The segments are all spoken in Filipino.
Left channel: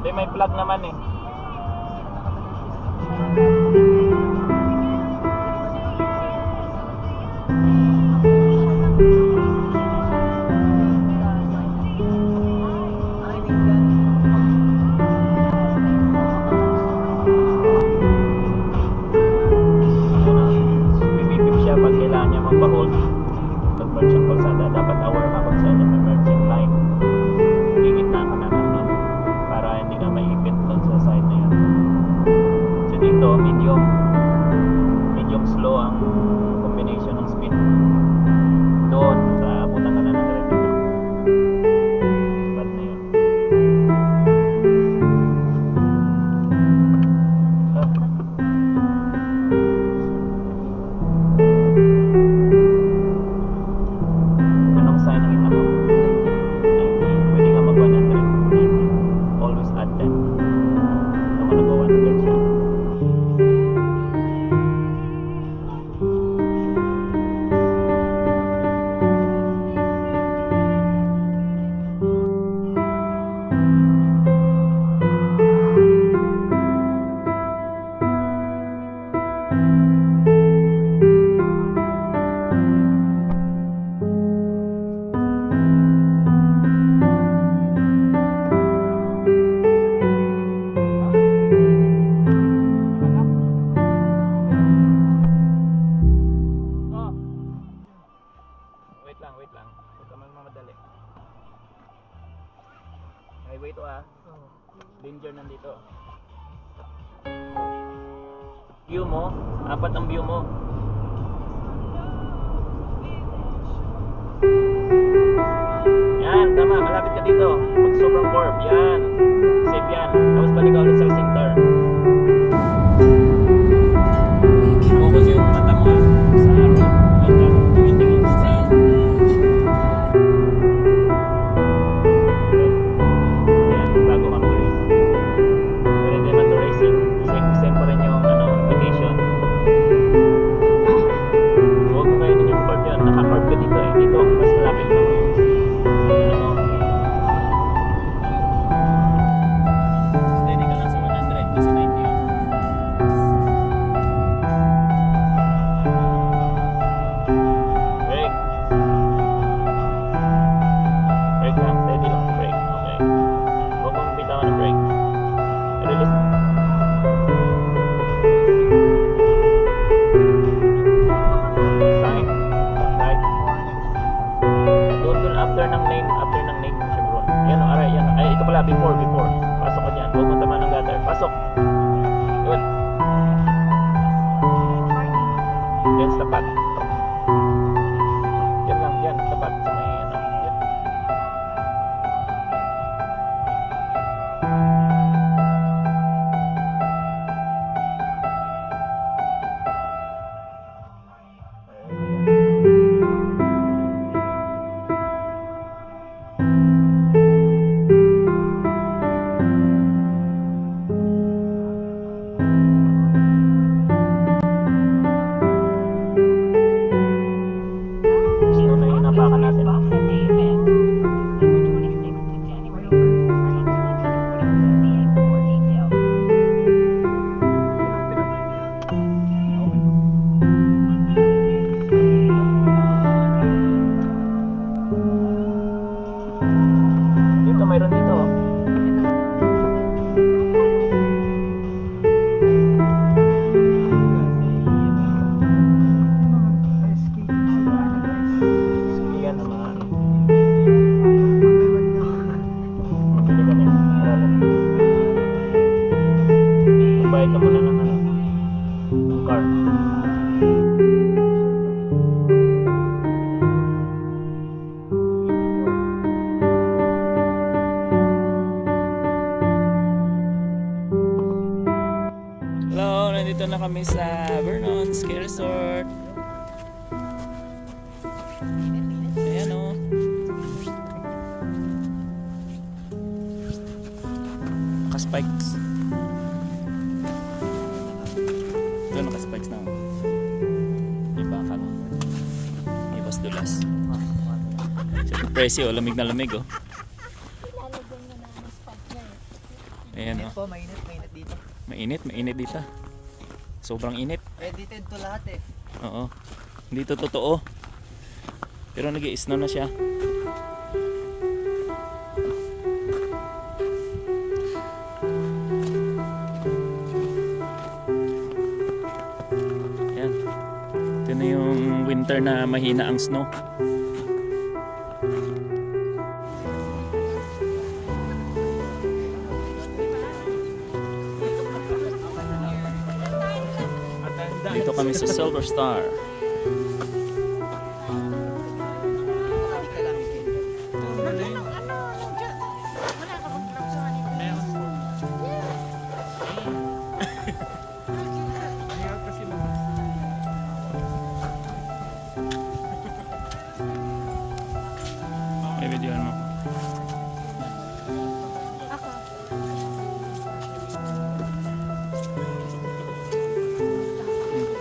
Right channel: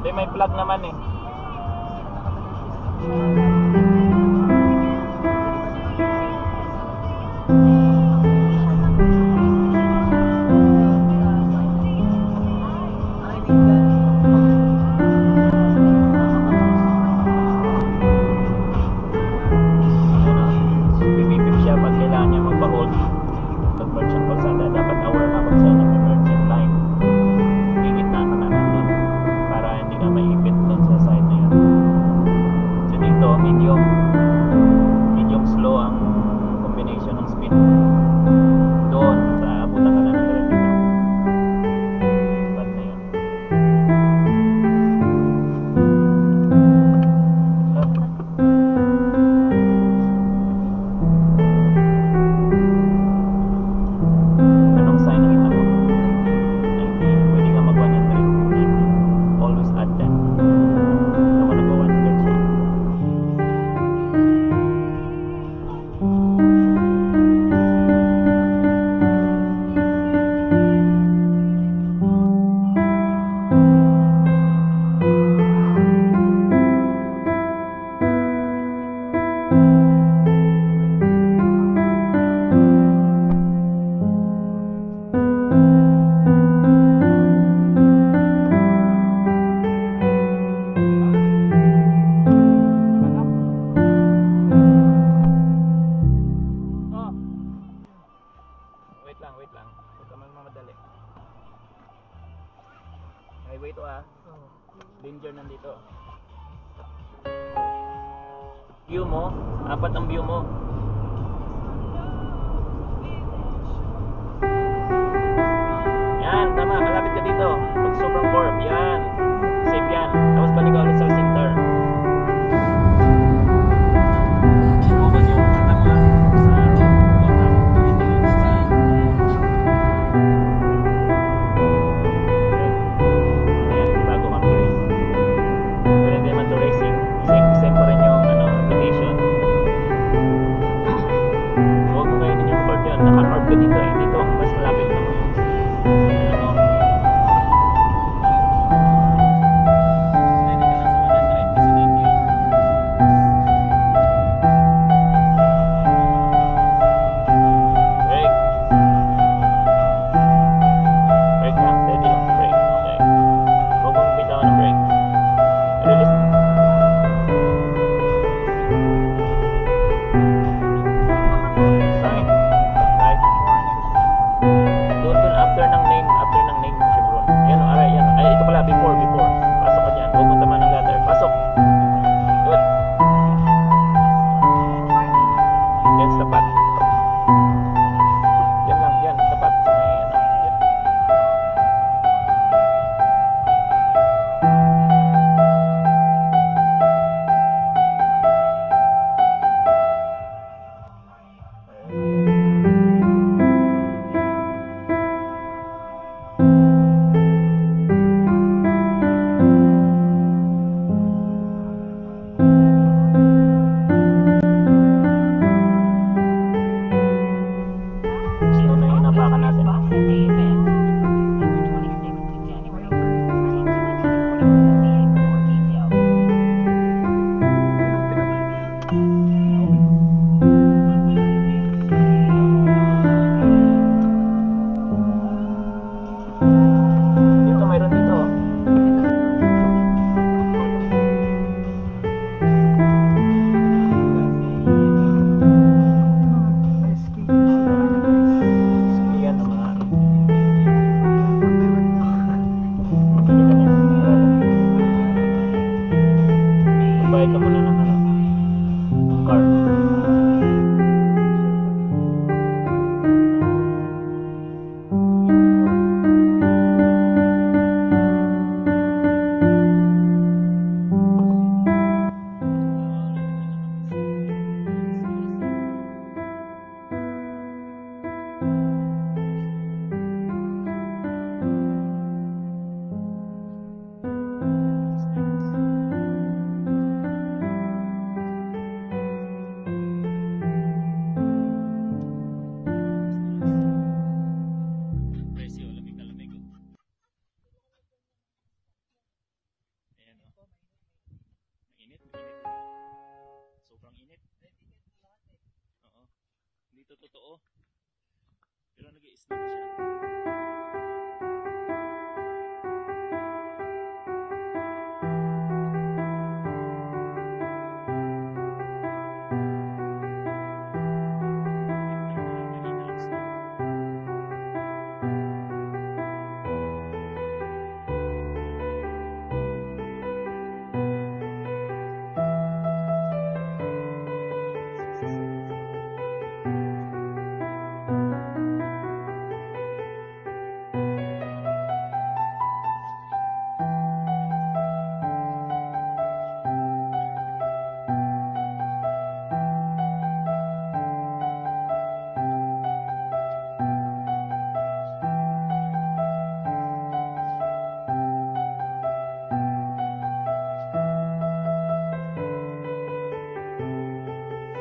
Hindi, may plug naman eh. Pipipip siya pag kailangan niya magpa-hold. Pag-merge siyang kalsada, dapat aware ka pag siya nag-emerging line. Gigitna ka na nun para hindi ka maipit doon sa side na yun. So dito, medium slow ang combination ng speed. Doon, abutan ka na ng red dito. Bad na yun. Anong sign nakita mo? 90. Pwede ka mag 100. 90. Always add 10. Ito mo nag 100 siya. Wait lang. Huwag ka magmamadali. Highway to ah. Danger nandito. View mo, apat ang view mo. Yan, tama. Malapit ka dito. Pag sobrang curve, yan. Safe yan. Tapos balik ka ulit sa center. Naka-curve ka dito eh. Dito ang mas malapit ng ano mo. Steady ka lang sa 100 kasi 90 yun. Brake. Brake lang. Steady lang sa brake. Okay. Huwag mong bitawan ng brake. Release. After ng name Chevron. Yan o, aray, yan. Ay, ito pala, before. Pasok ka dyan. Huwag mo tama ng gutter. Pasok. Good. Yan, tapat. Yan lang, yan. Tapat sa may, ano. Yan. Napakan natin. Dito, mayroon dito. Bayad ka muna ng ano, car. Hello, nandito na kami sa Vernon Ski Resort. Ayan o. Naka-spikes. Naka-spikes na. Diba ka no? Ibas dulas. Siyempre presyo, lamig na lamig oh. Ayan Mainit oh. po, mainit dito. Mainit dito. Sobrang init. Edited to lahat eh. Oo. Hindi to totoo. Pero nag-i-snow na siya. Ayan. Ito na yung winter na mahina ang snow. Dito kami sa Silver Star. May video mo.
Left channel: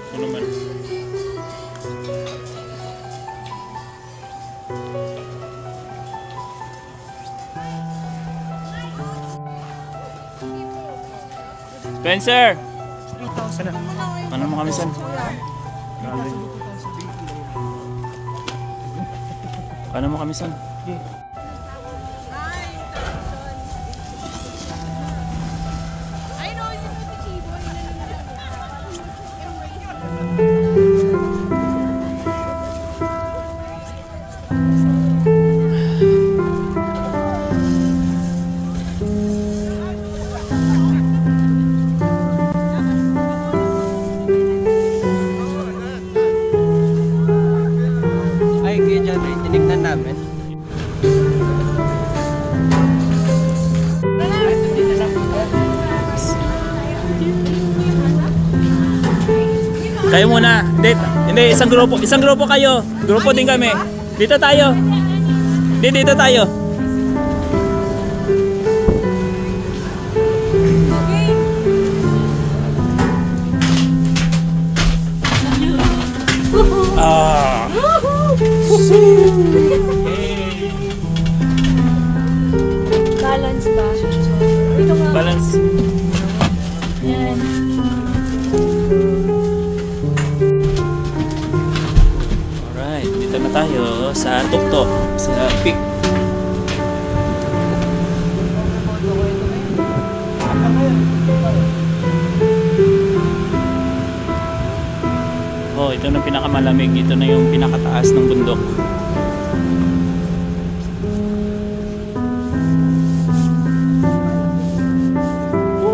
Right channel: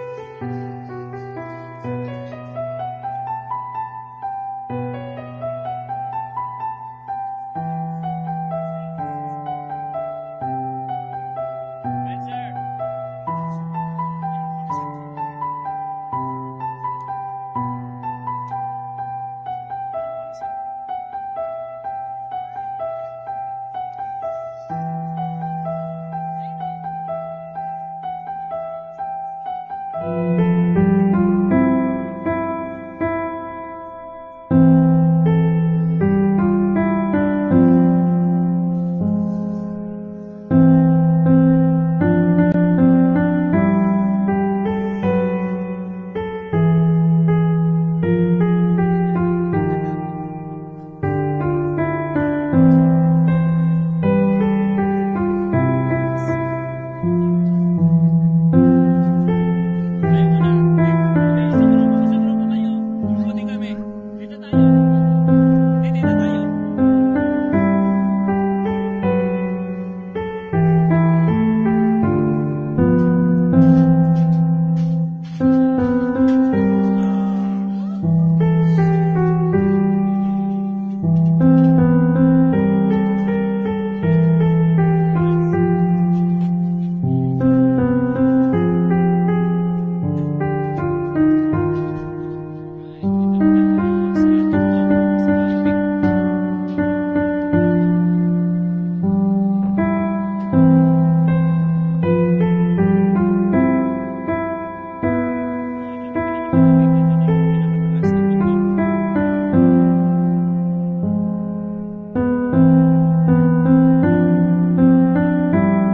Ano man? Spencer! Ano mo kami san? Ano mo kami san? Ay, kaya dyan eh, tinignan namin. Kayo muna. Hindi, isang grupo kayo. Grupo din kami. Dito tayo. Dito tayo. Ah. Balance ba? Ito nga. Balance. Yan. Alright, dito na tayo sa tuktok, sa peak. Oh, ito na pinakamalamig. Ito na yung pinakataas ng bundok.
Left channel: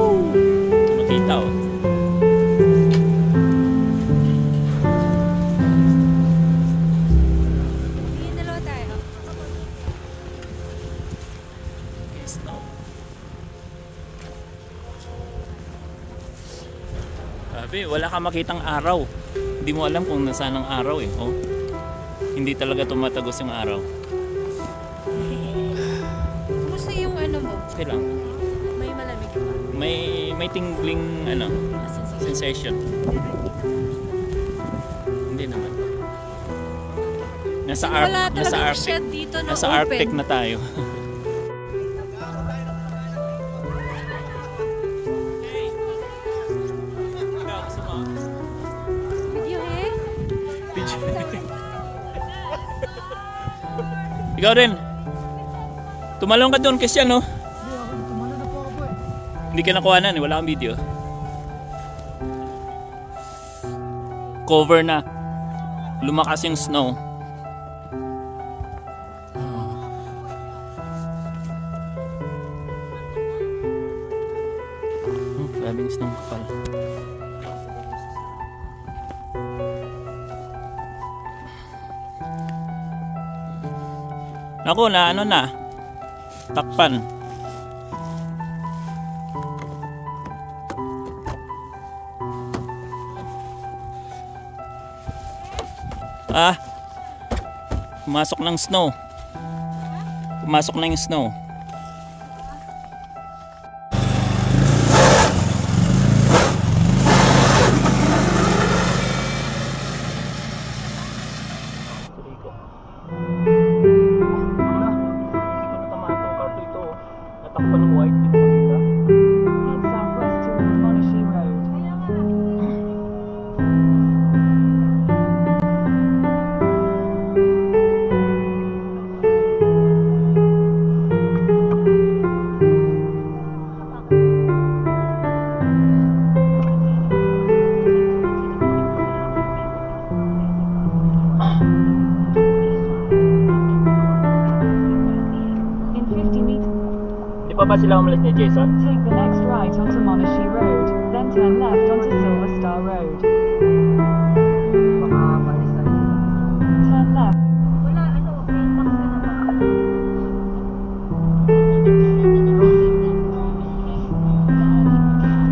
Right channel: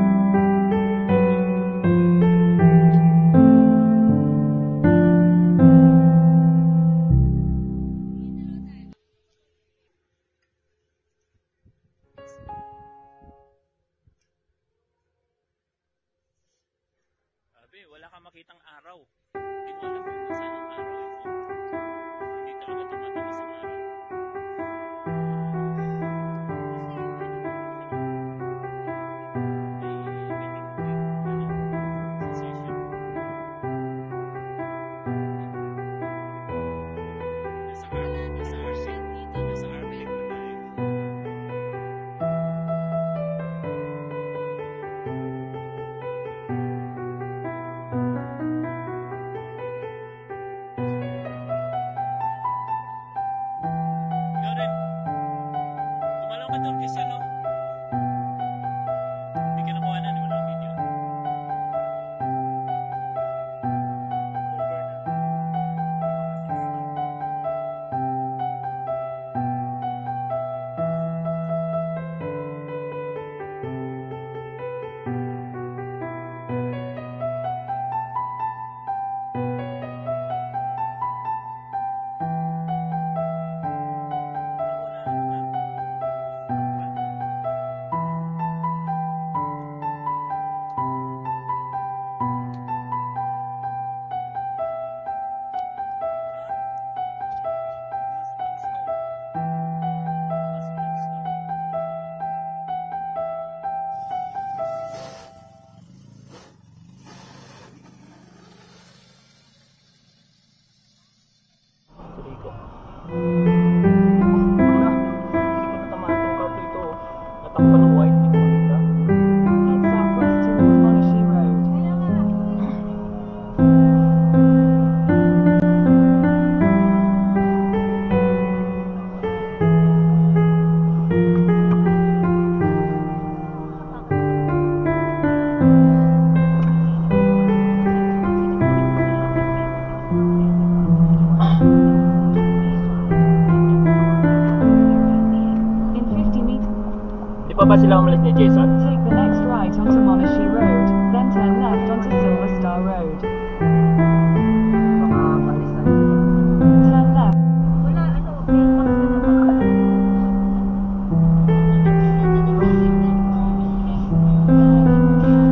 Makita oh. Hindi, dalawa tayo. Yes, no. Sabi, wala ka makitang araw. Hindi mo alam kung nasaan ang araw eh. Oh. Hindi talaga tumatagos yung araw. Kumusta yung ano mo? Okay lang. May malamig ba? May tingling ano, sensation. Hindi naman. Nasa Wala nasa talagang Arctic. shed dito na Nasa open. Arctic na tayo. Video eh? Ikaw rin. Tumalong ka doon kasi ano. Hindi ka nakuhanan eh. Wala kang video. Cover na. Lumakas yung snow. Maraming snow kapal. Ako na ano na. Takpan. Pumasok ng snow. Pumasok na yung snow. Rico. Wala. Hindi ko natamaan tong carto ito. Natakpan ng white. Hindi ko makita. pa sila umalis ni Jason? Take the next right onto Monashi Road, then turn left onto Silver Star Road. Baka palis na rin sila. Turn left. Wala, ano, mailbox na naman. Basta ikaw mag-drive.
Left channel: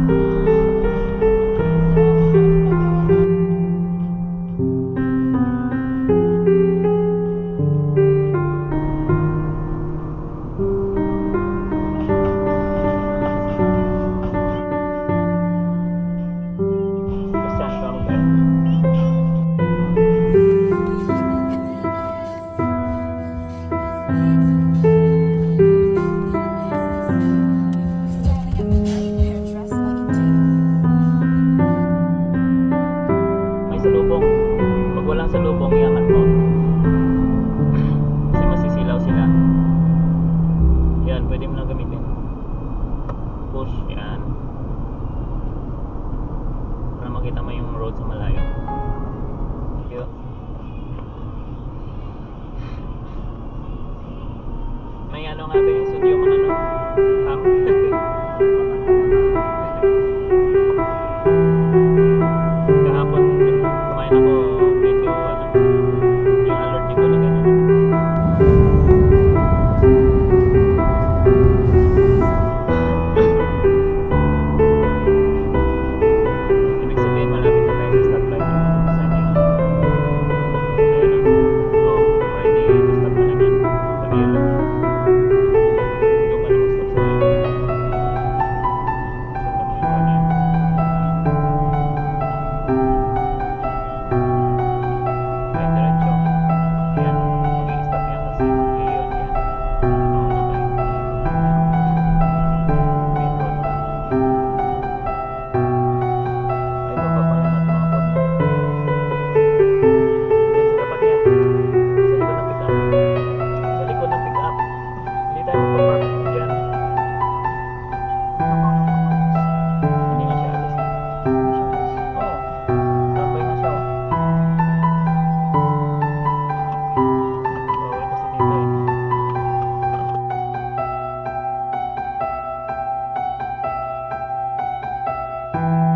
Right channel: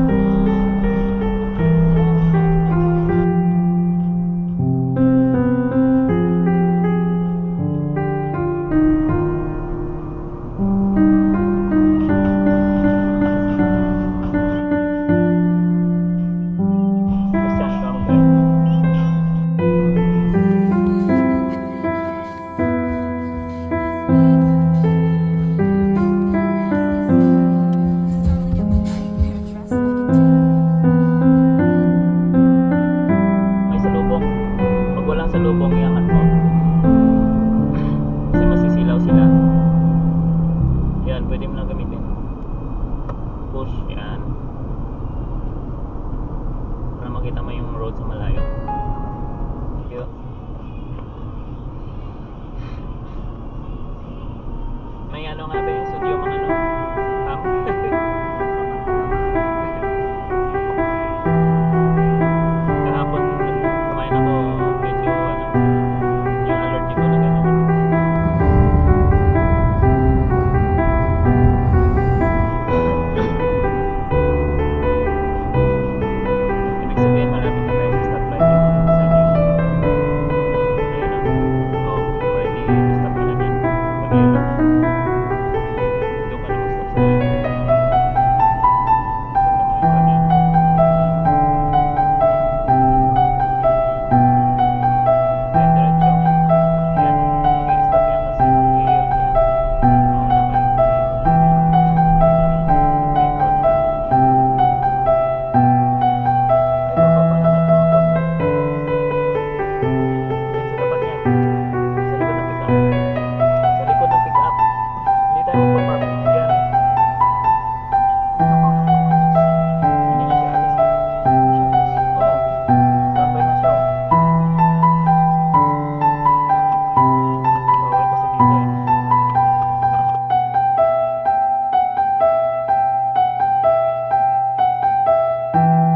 May salubong. Pag walang salubong, iangat mo. Kasi masisilaw sila. Yan, pwede mo lang gamitin. Push, yan. Para makita mo yung road sa malayo.